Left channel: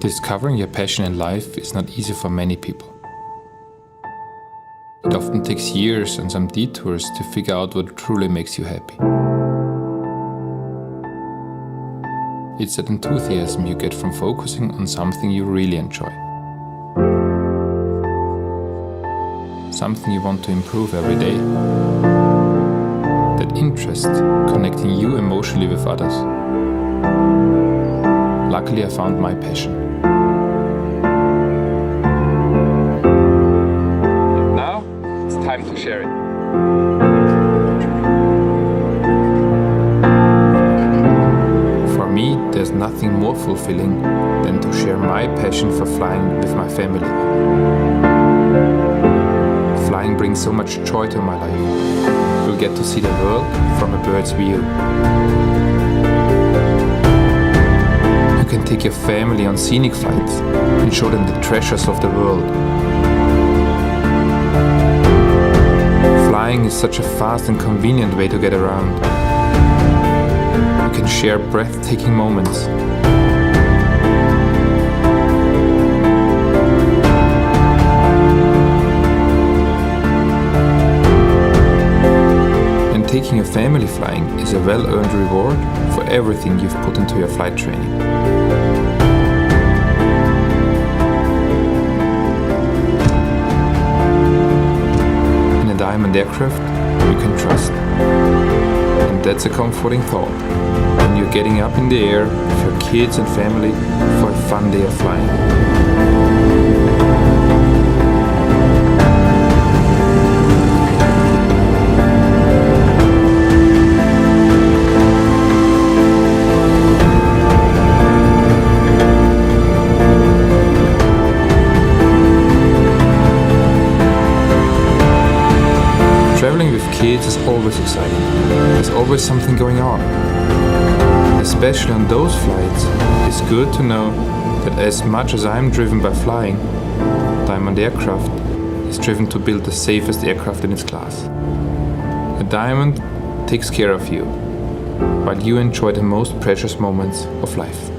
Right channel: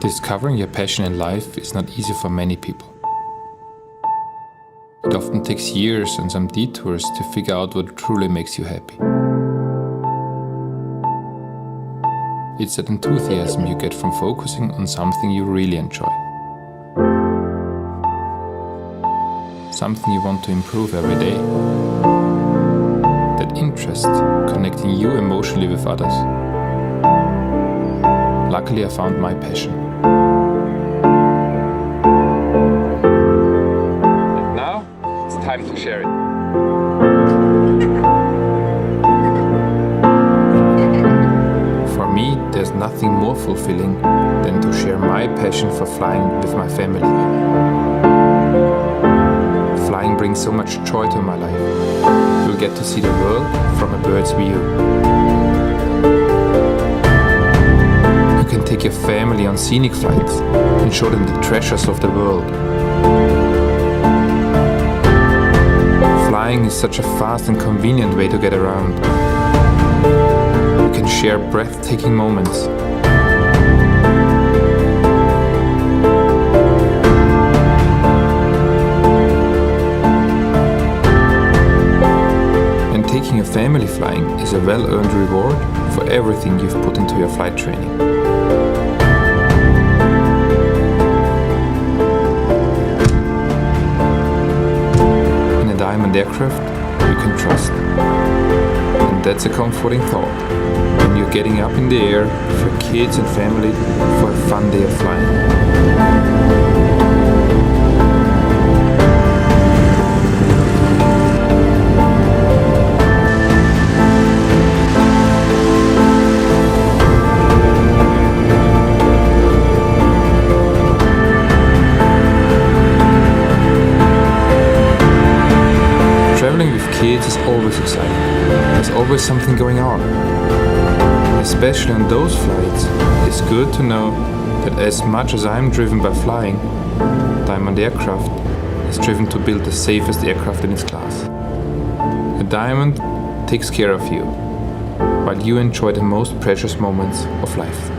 Discovering your passion in life is not easy for many people. It often takes years and some detours to figure out what truly makes you happy. It's that enthusiasm you get from focusing on something you really enjoy. Something you want to improve every day. That interest connecting you emotionally with others. Luckily, I found my passion. And now, it's time to share it. For me, there's nothing more fulfilling than to share my passion for flying with my family. Flying brings so much joy to my life. You'll get to see the world from a bird's view. You can take your family on scenic flights and show them the treasures of the world. Flying is such a fast and convenient way to get around. You can share breathtaking moments. And taking your family flying is a well-earned reward for everything you've put into your flight training. In a diamond aircraft, you can trust. And that's a comforting thought when you're getting up in the air with your kids and family for a fun day of flying. Traveling with kids is always exciting. There's always something going on. Especially on those flights, it's good to know that as much as I'm driven by flying, Diamond Aircraft is driven to build the safest aircraft in its class. A Diamond takes care of you, while you enjoy the most precious moments of life.